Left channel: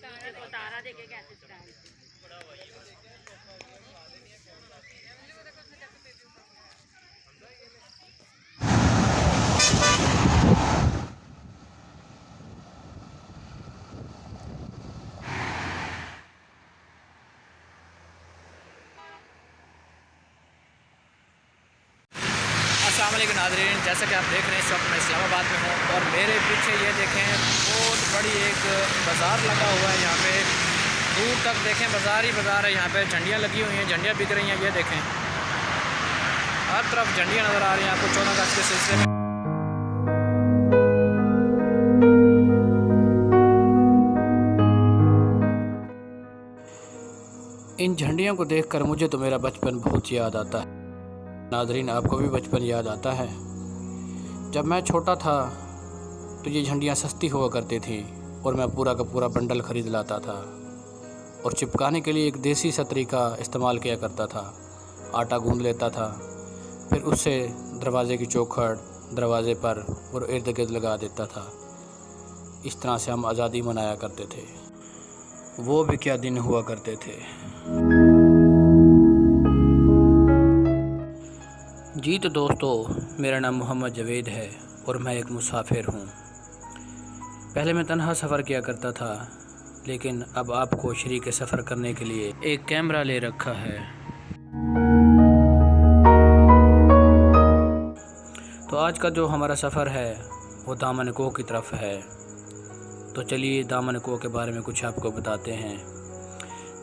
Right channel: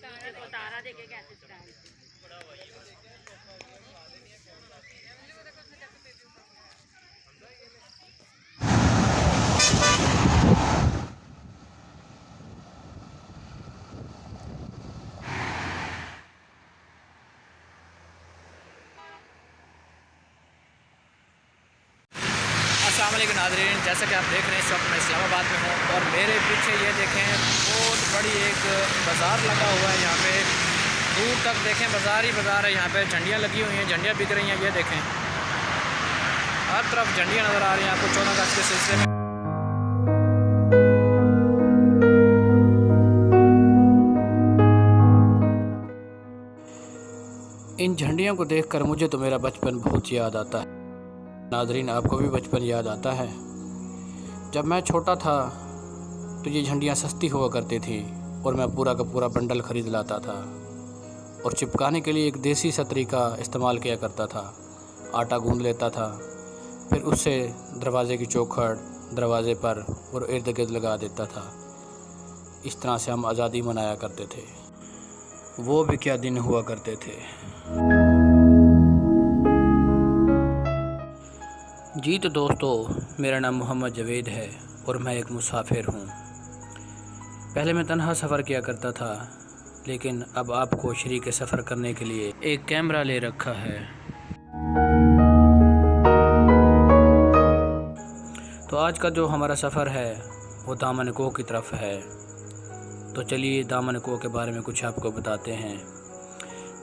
देखो तारा देखे कैसे स्टाइल। अस्सलाम वालेकुम नाज़रीन, जैसा कि आप देख रहे हैं इस वक्त मैं इस्लामाबाद में हूँ और मेरे पीछे ये देखें बहुत बड़ी एक बाज़ार लगा हुआ है। यहाँ पे दूर तक देखें बाज़ार ही बाज़ार है। यहाँ पे झंडियाँ लगी हुई हैं, झंडियाँ बिक रही हैं। ये देखें हर तरफ झंडियाँ नज़र आ रही हैं आपको 14 अगस्त के सिलसिले में। इन झंडियों को देखकर मुझे तो मेरा बचपन बहुत याद आता है। नाज़रीन, आपको भी बचपन याद आता है? जब मैं छोटा था तो ये झंडियाँ सस्ती हुआ करती थी और मैं पूरा का पूरा बंडल ख़रीद लाता था और चिपकाने के लिए एक देसी सतरी का इस्तेमाल किया करता था। आटा गूंद लेता था, फिर उससे दरवाज़े की चौखट दरवाज़े पर और इर्द गिर्द लगा देता था। इस तरह से हम आज़ादी मनाया करते थे। वो भी क्या दिन हुआ करते थे। जी तो दोस्तों, मेरा नाम मोहम्मद जवेद है और मैं एक मुसाफिर हूँ। पहले मैं तन्हा सफ़र किया करता था, लेकिन अब आपको शरीक सफ़र करने के लिए एक कैमरा ले रखा है। तो आज का जो हमारा सफ़र है वो दामन कोह की तरफ है। तो चलिए दामन कोह के बारे में कुछ आपको बताते हैं।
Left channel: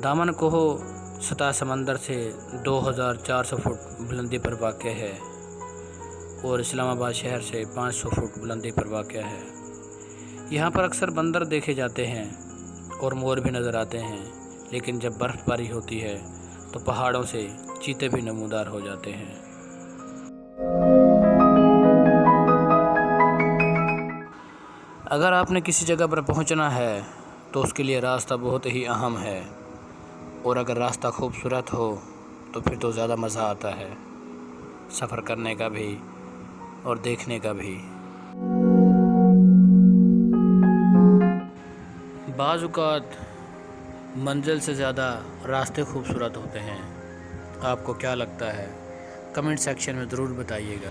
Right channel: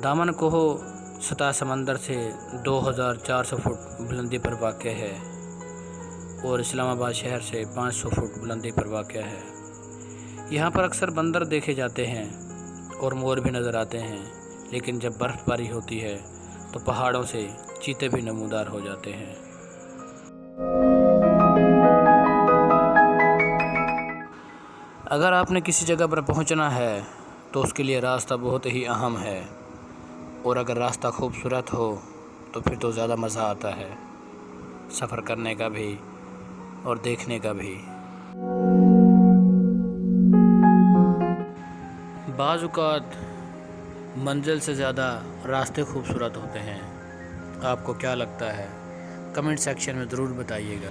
दामन कोह सतह समंदर से 2400 फुट बुलंदी पर वाक़ है और इस्लामाबाद शहर से 500 फुट बुलंदी पर वाक़ है। यहाँ पर अक्सर बंदर देखे जाते हैं और मोर भी नज़र आते हैं, लेकिन जब बर्फ़बारी होती है तो पहाड़ों से चीते भी नमूदार हो जाते हैं। अगर आपने किसी जगह पर पहुँचना है तो उसके लिए रास्ता बहुत ही अहम है, और अगर रास्ता खूबसूरत हो तो फिर तो ज़्यादा मज़ा आता है सफ़र करने का भी और देखने का भी। बाज़ औक़ात मंज़िल से ज़्यादा रास्ते खूबसूरत होते हैं। आपको क्या लगता है? कमेंट सेक्शन में ज़रूर बताइएगा।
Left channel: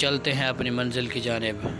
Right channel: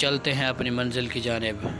चलते हैं अपनी मंज़िल की जानिब।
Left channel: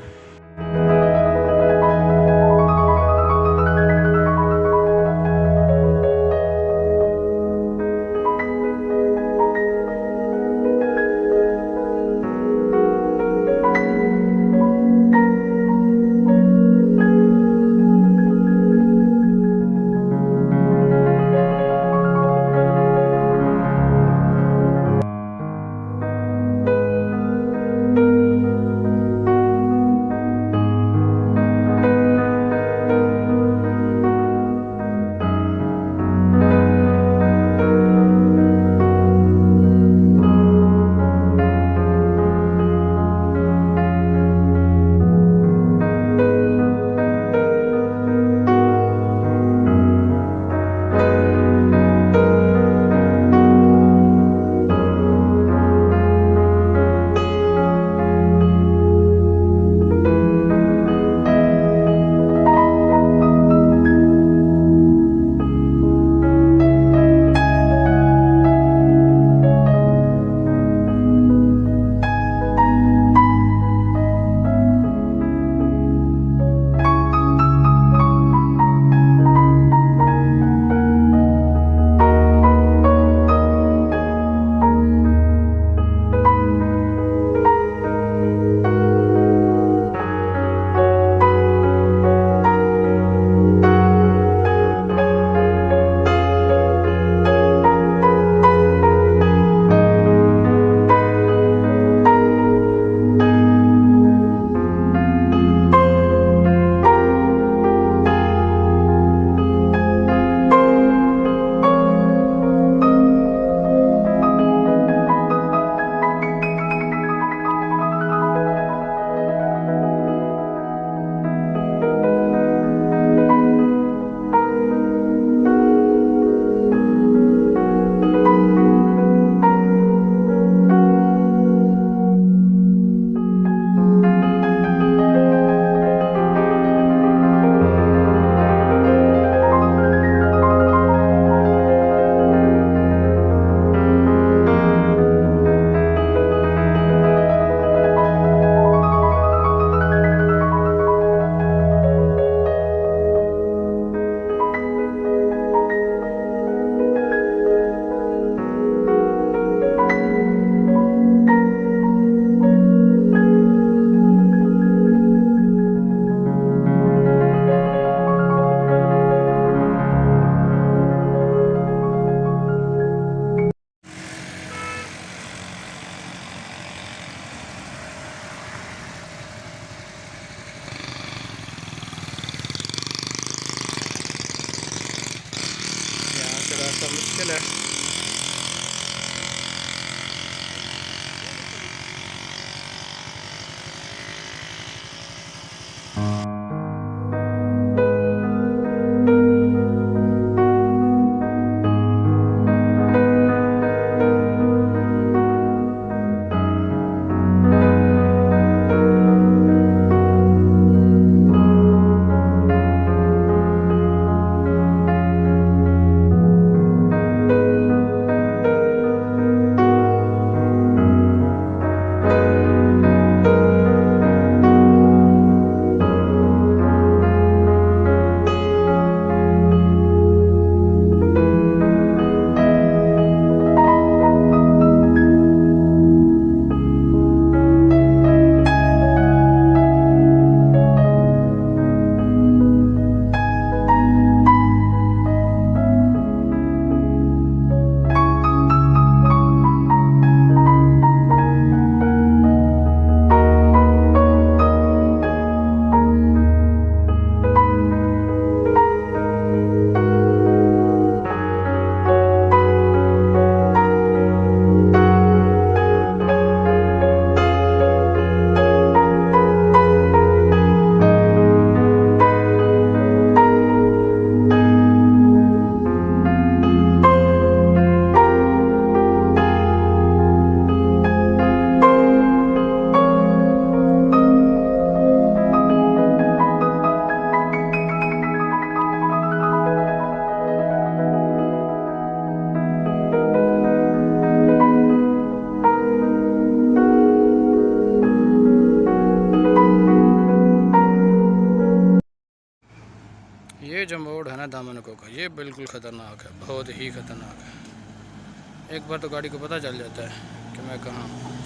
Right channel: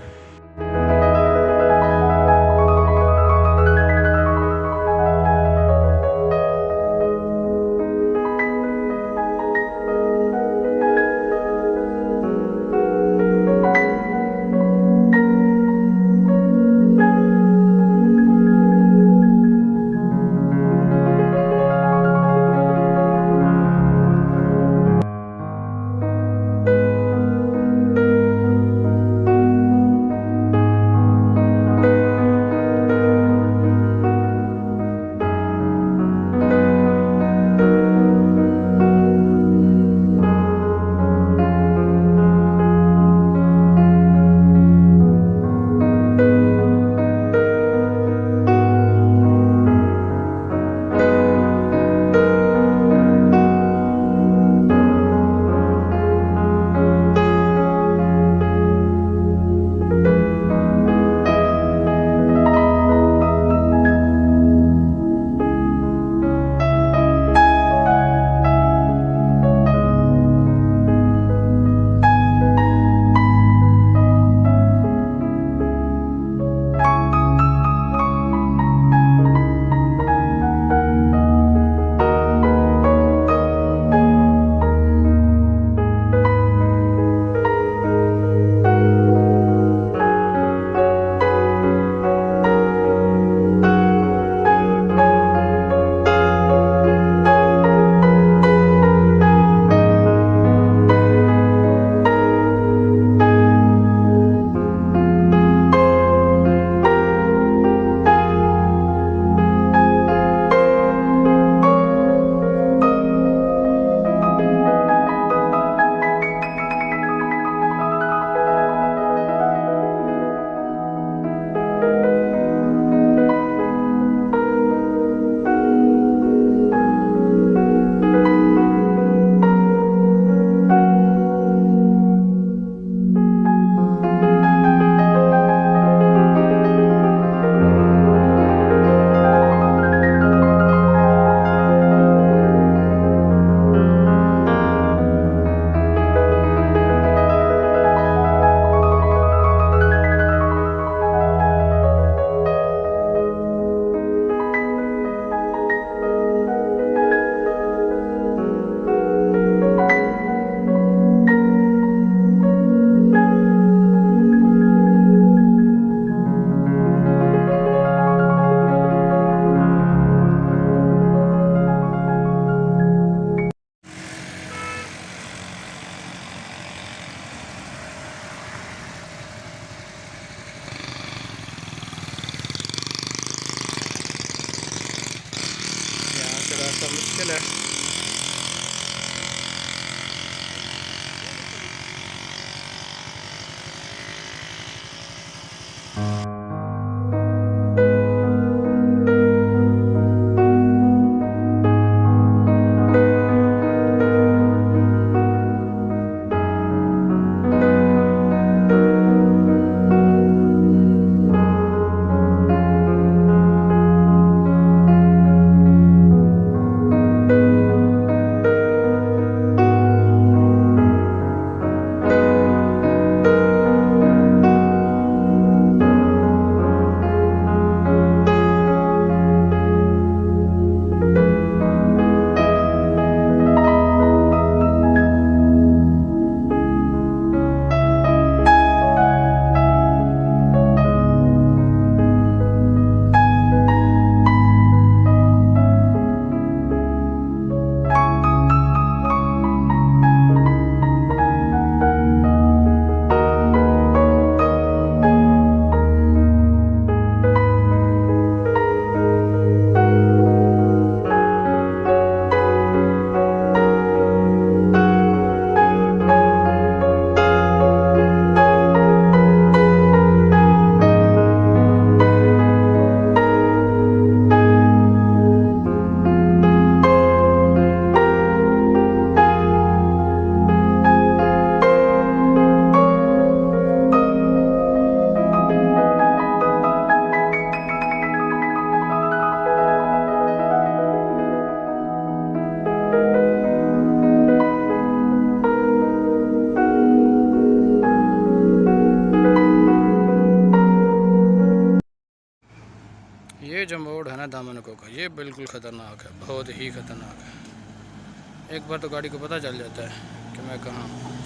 दामनकों का, ये बिल्कुल ख़तरनाक है, बहुत ही ख़तरनाक है। एक बार तो गाड़ी को पता चल जाता है कि मैं कहाँ हूँ।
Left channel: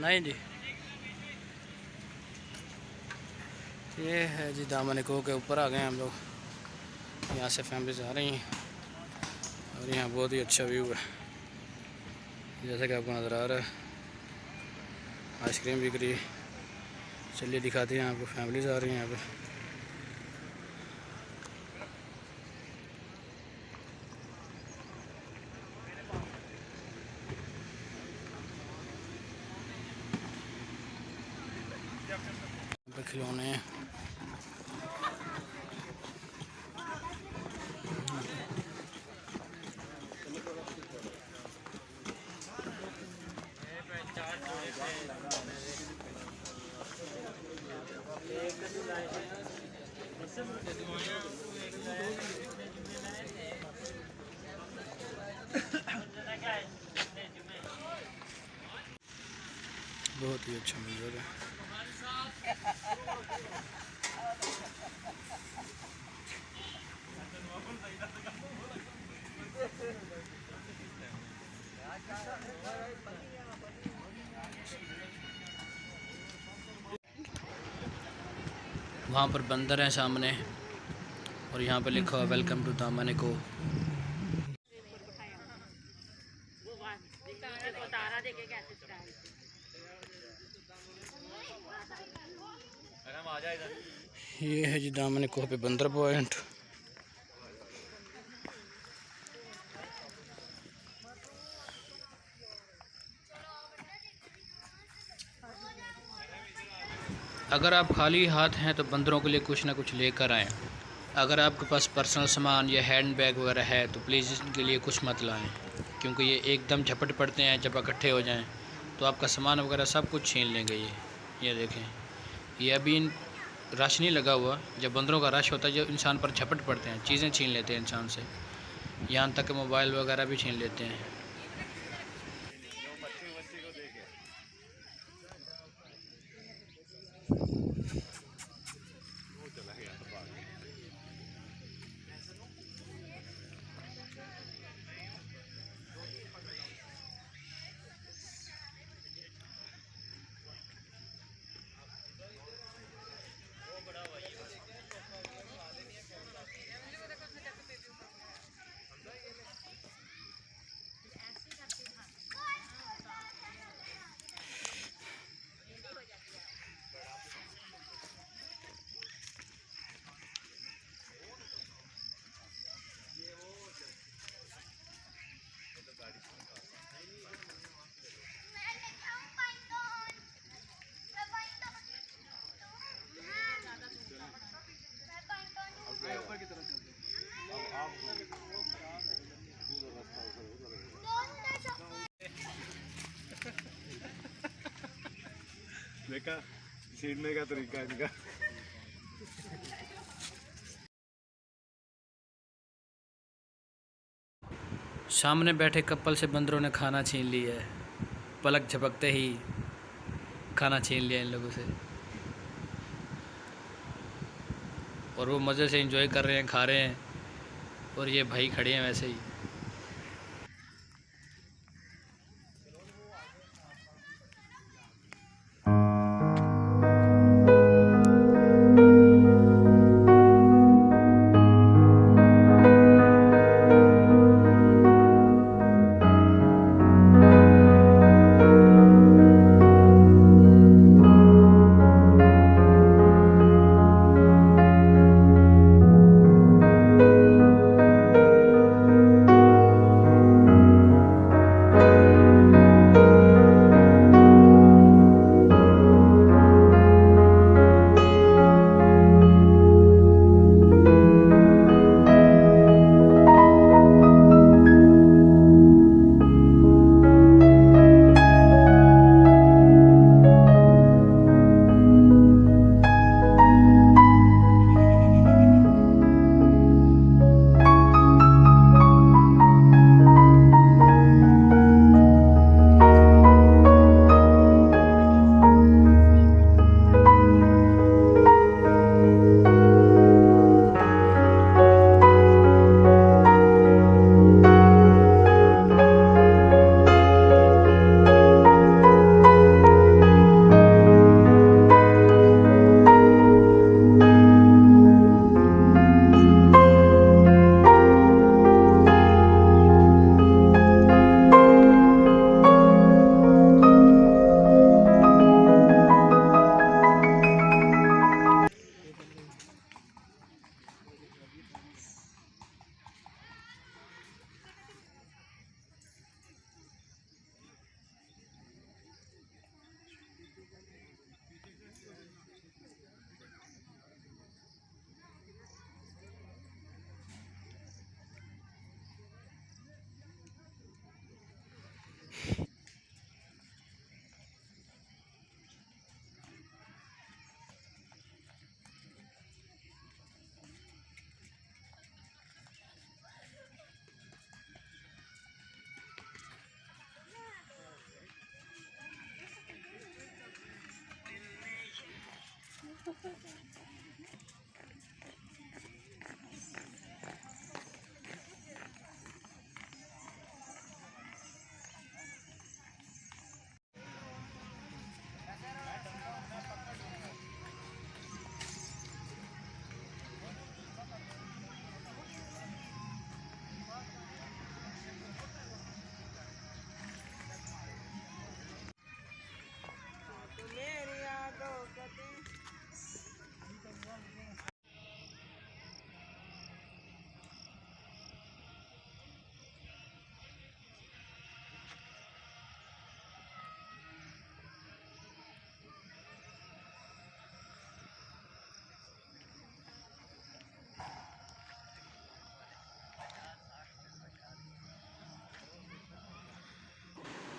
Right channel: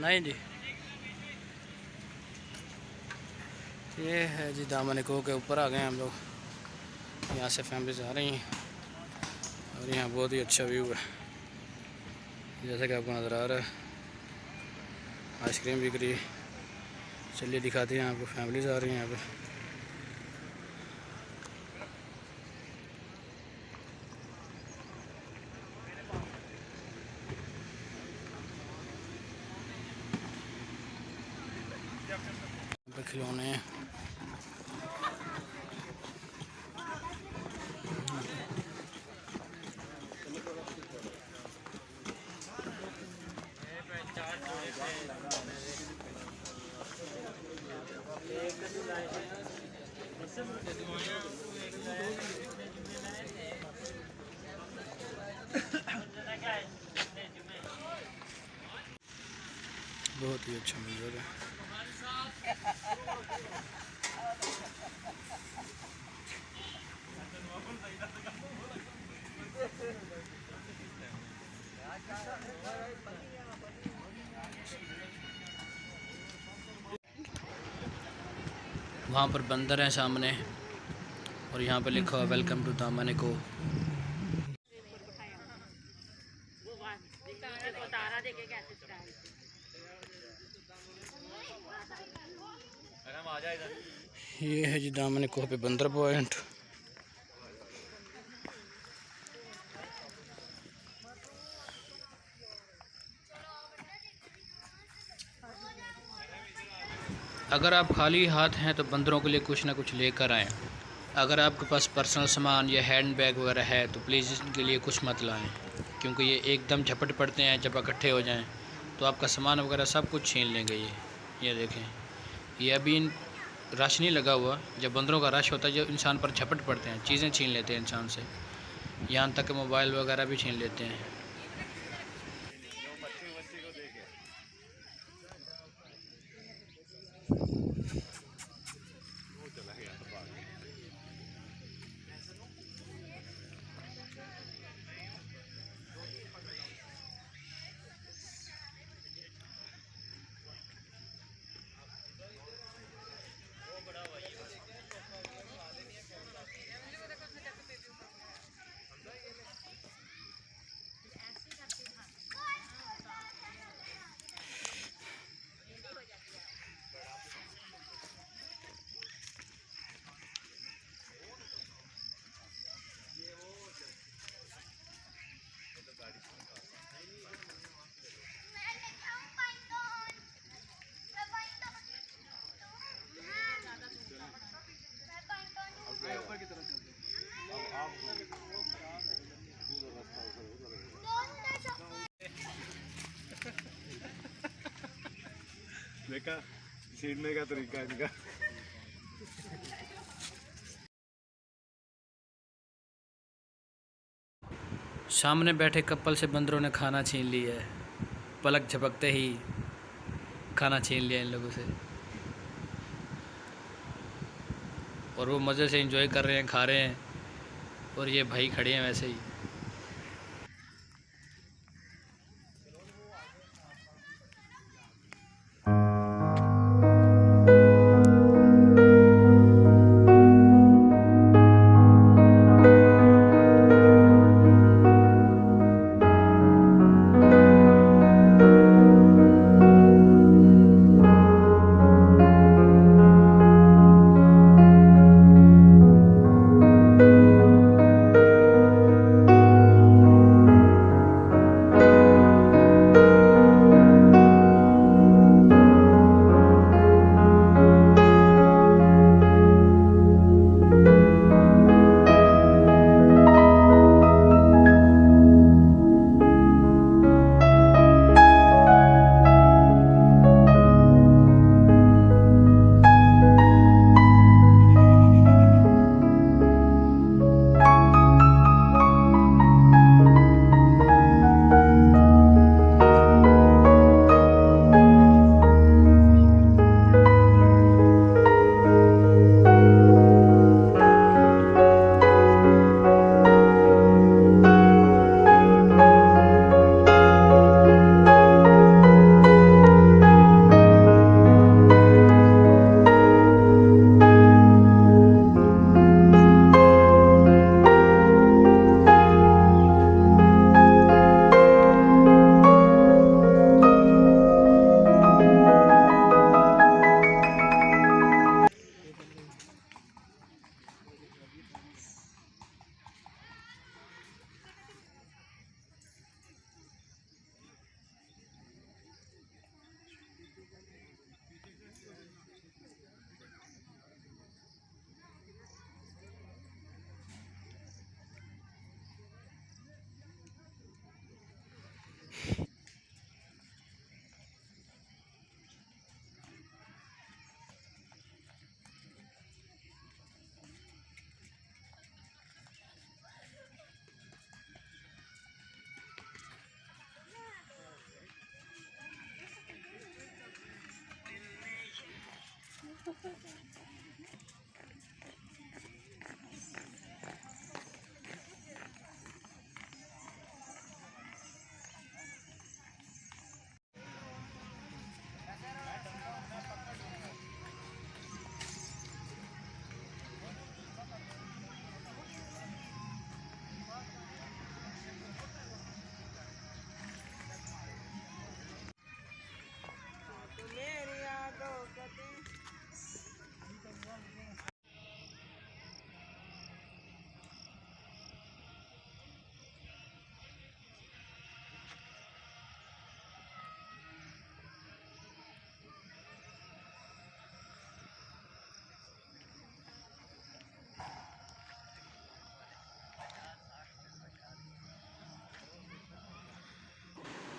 नहीं जी, ये है जी दामनकों के ऊपर आ गए हम लोग। यहाँ से फैमिलीज आ रही हैं और यहाँ बहुत ही अच्छा व्यू है, जैसा कि आपको नज़र आ रहा है। आइसक्रीम बिक रही है, चलिए दिखाते हैं आपको। फैमिलीज आ रही हैं यहाँ पे खिलौने हैं। बहुत ही अच्छा मंजर है। वहाँ पर बंदर हैं सामने और यहाँ पर लिखा हुआ वेलकम टू दामनको। तारा देखे कैसे स्टाइल ये है जी दामनको पे बंदर पॉइंट। अगर आप खाली हाथ हैं तो बंदरों के लिए कुछ ना कुछ लेकर आएँ। अगर आपके पास पर्सनल सामान या हैंड बैग वगैरह है तो प्लीज़ इनके लिए कुछ मत लाएं, क्योंकि ये एकदम झपट पड़ते हैं। जब इकट्ठे हो जाएं तो आपका सामान वगैरह सब कुछ छीन लेंगे। ये देखें, ये अभी रश नहीं लगा हुआ। जब बंदरों का रश होता है, जब इंसान पर झपट पड़ते हैं, चीज़ें छीन लेते हैं इंसान से, यहाँ तक कि मोबाइल वगैरह भी छीन लेते हैं। देखा छीनने का तरीका इनका। सामने बैठे कपल से बंदरों ने खाना छीन लिया है। पलक झपकते ही खाना छीन लिया इन लोगों से, और वो मज़े से एंजॉय कर रहे हैं, खा रहे हैं, और ये भाई खड़े हैं वैसे ही।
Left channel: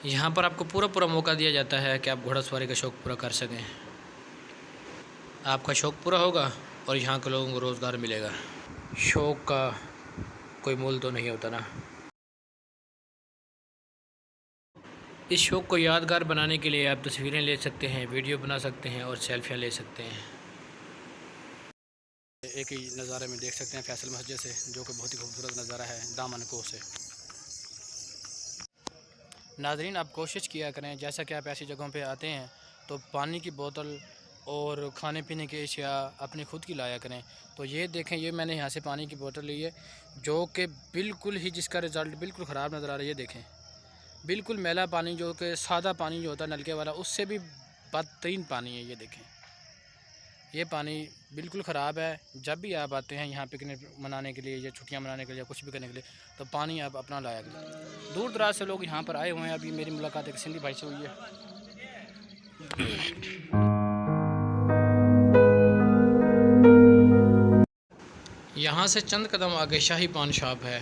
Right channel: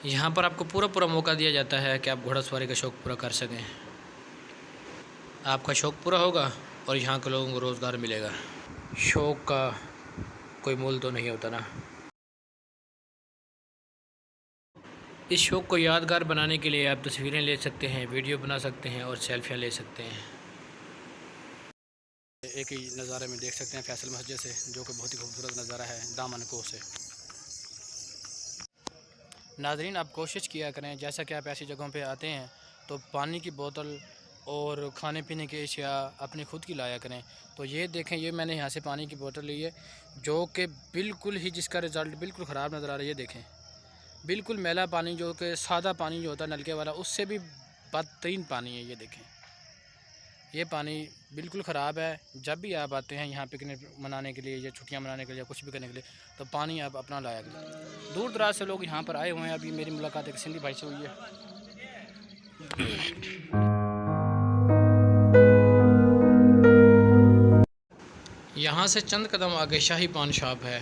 यहाँ पर आपको पूरा पूरा मौका दिया जाता है कि आप घोड़ासवारी का शौक़ पूरा कर सकें। आपका शौक़ पूरा होगा और यहाँ के लोगों को रोज़गार मिलेगा। शौक़ का कोई मूल तो नहीं होता ना। इस शौक़ को यादगार बनाने के लिए आप तस्वीरें ले सकते हैं, वीडियो बना सकते हैं और सेल्फियाँ ले सकते हैं। एक ही नज़ारे में देख सकते हैं फैसल मस्जिद से, जो कि बहुत ही खूबसूरत नज़ारा है दामन कोह से। नाज़रीन, आप कोशिश किया करें, जैसा कि आप ऐसी जगहों पे आते हैं तो पानी की बोतल और खाने पीने की अशिया अपनी खुद की लाया करें। तो ये देखें, ये मैंने यहाँ से पानी की बोतल ली है, जो कि बिल्कुल ही जिसका रिज़ल्ट बिल्कुल ख़राब नज़र आ रहा है। ये देखें, बिल्कुल मैला पानी, जो कि सादा पानी जो होता है नलके वाला, उससे भी बदतरीन पानी है। ये देखें, ये पानी बिल्कुल ख़राब है। जब भी आप आते हैं यहाँ पिकनिक मनाने के लिए या छुट्टियाँ मनाने के लिए या कुछ भी करने के लिए, तो पानी आप अपना लाया करें। दूर दराज से लोग यहाँ पर आए हुए हैं। अभी मेरी मुलाकात एक सिंधी भाई से हुई है। यहाँ से चंद कदम आगे शाही पान शॉप है,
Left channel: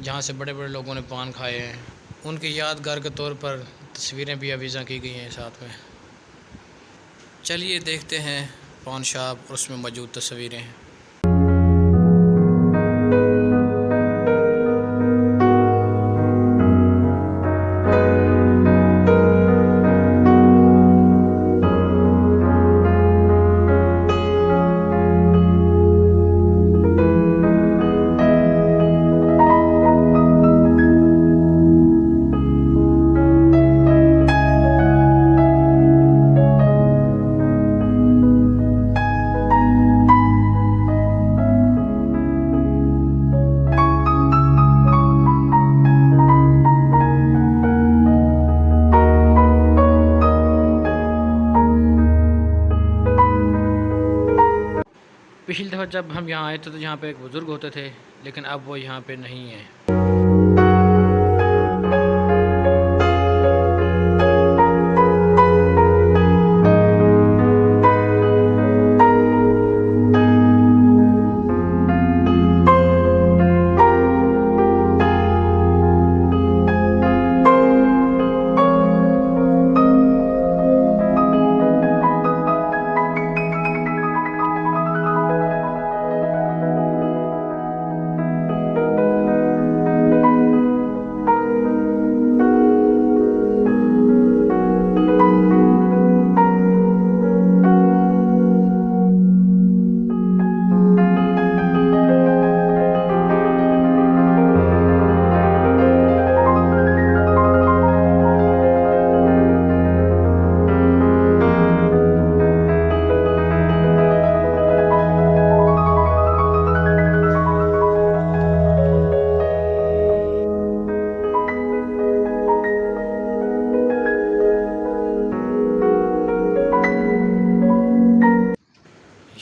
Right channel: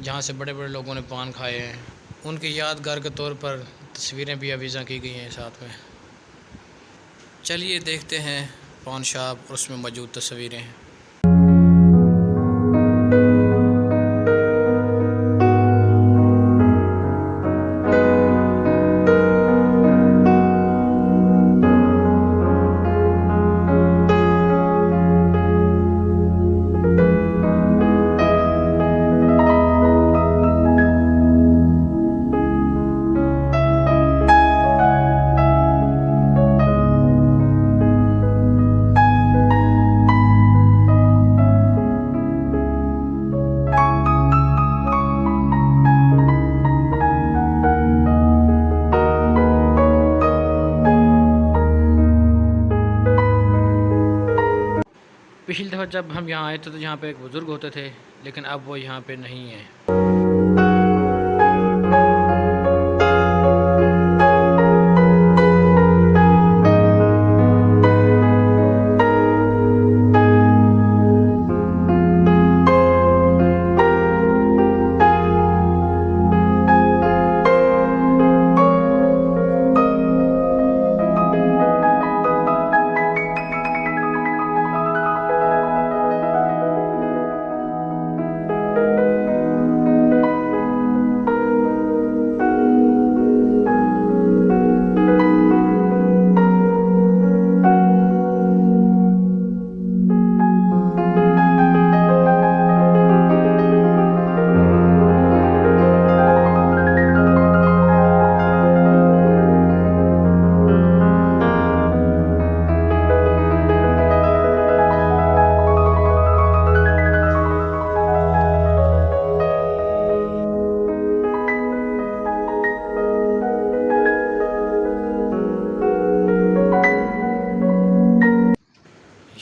जहाँ से बड़े बड़े लोगों ने पान खाए हैं। उनकी यादगार के तौर पर तस्वीरें भी अवीज़ा की गई हैं साथ में। चलिए देखते हैं पान शॉप और उसमें मौजूद तस्वीरें। पिछली दफ़ा जब हम यहाँ आए थे तो यहाँ पे एक बुज़ुर्ग होते थे, लेकिन अब वो यहाँ पे नहीं है।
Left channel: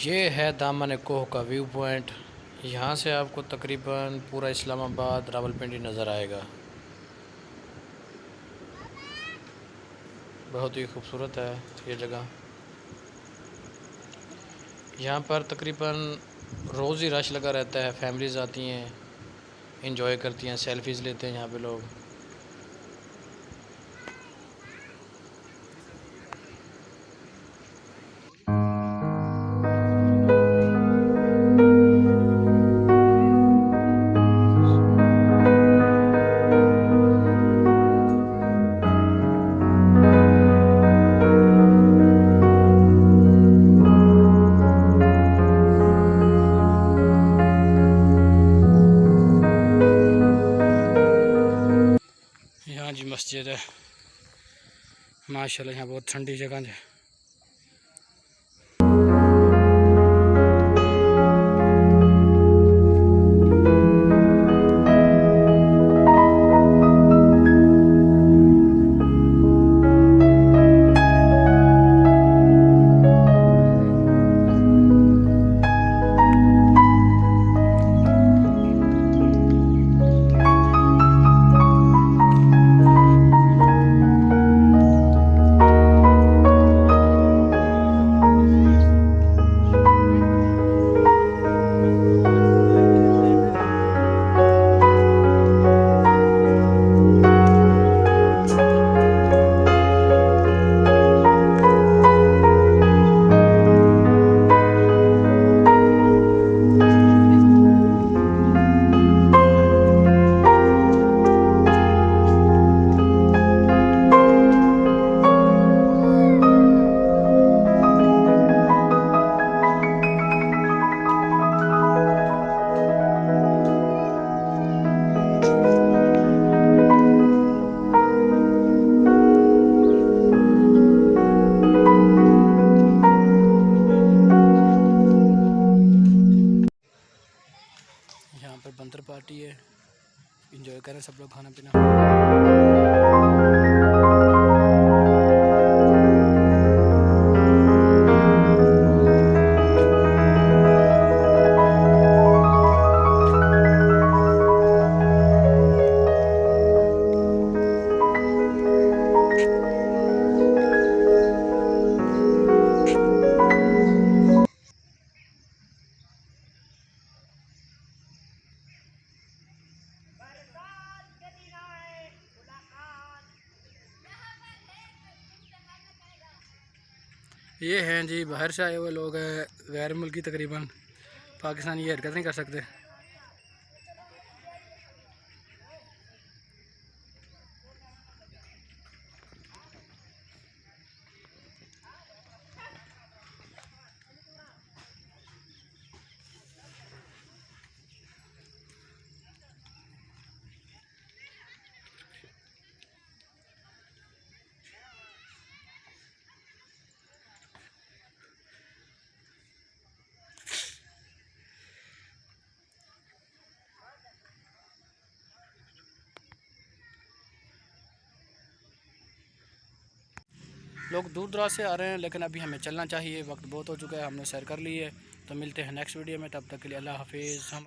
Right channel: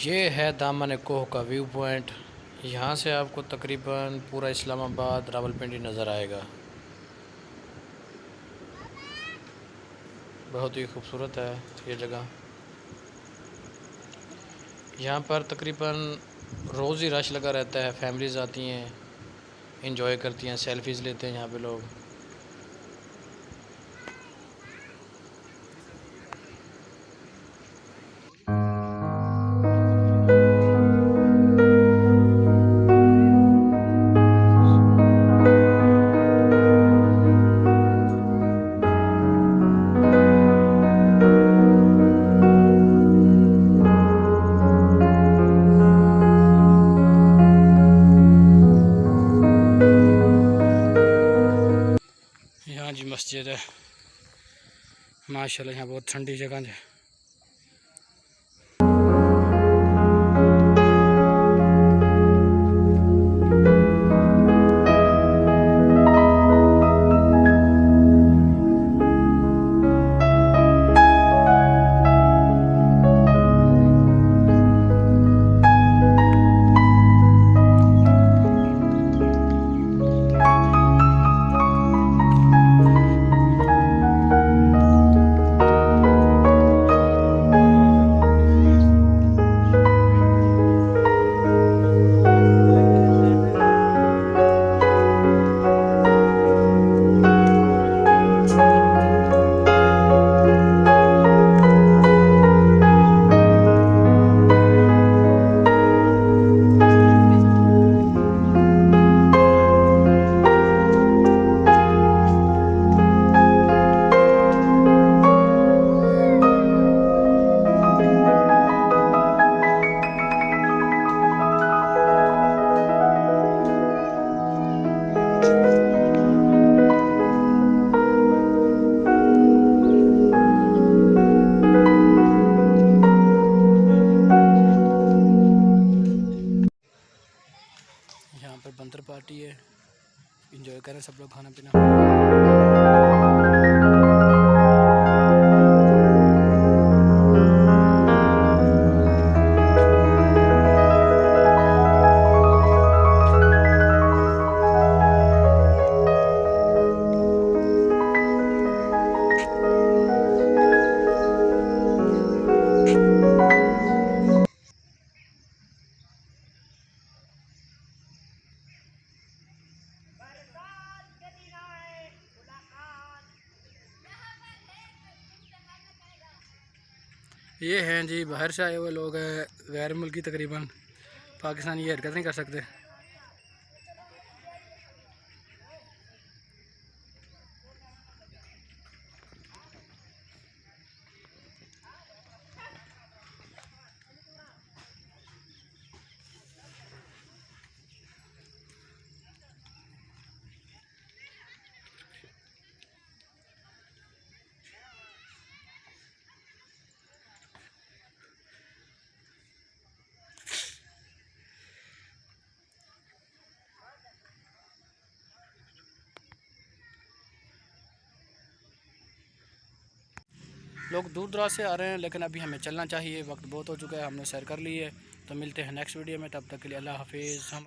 ये है दामन कोह का व्यू पॉइंट। यहाँ से आपको तकरीबन पूरा इस्लामाबाद, रावलपिंडी नज़र आएगा। बहुत ही खूबसूरत है ये जगह। यहाँ पर तकरीबन रोज़ ही रश लगा रहता है। फैमिलीज़ आती हैं, इंजॉय करती हैं, सेल्फीज़ लेते हैं यहाँ पे लोग। जी मस्जिद है माशाल्लाह, यहाँ बहुत ठंडी जगह है। पार्टी है, इंजॉय करें सब लोग खाना पीना। ये हैं जी बाहर से आए हुए लोग हैं, गैर मुल्की, तकरीबन पाकिस्तानी ये हरकत नहीं कर सकते। लोग दूर दराज से आ रहे हैं, लेकिन अभी हमें चलना चाहिए, वक्त बहुत हो चुका है, हमने सैर कर ली है। तो मिलते हैं नेक्स्ट वीडियो में, तब तक के लिए अल्लाह हाफिज़। हम